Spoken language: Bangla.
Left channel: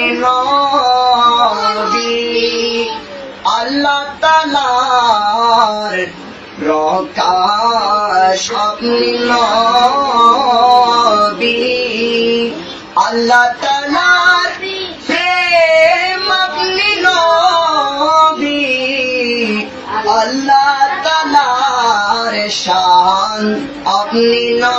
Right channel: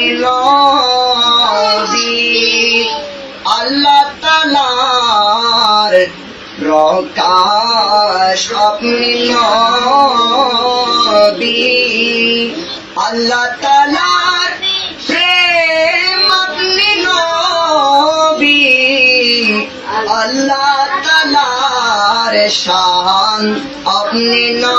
আল্লাহ তালার রপ্নিল আল্লাহ তালার প্রেমিল আল্লাহ তালার শান আপনি না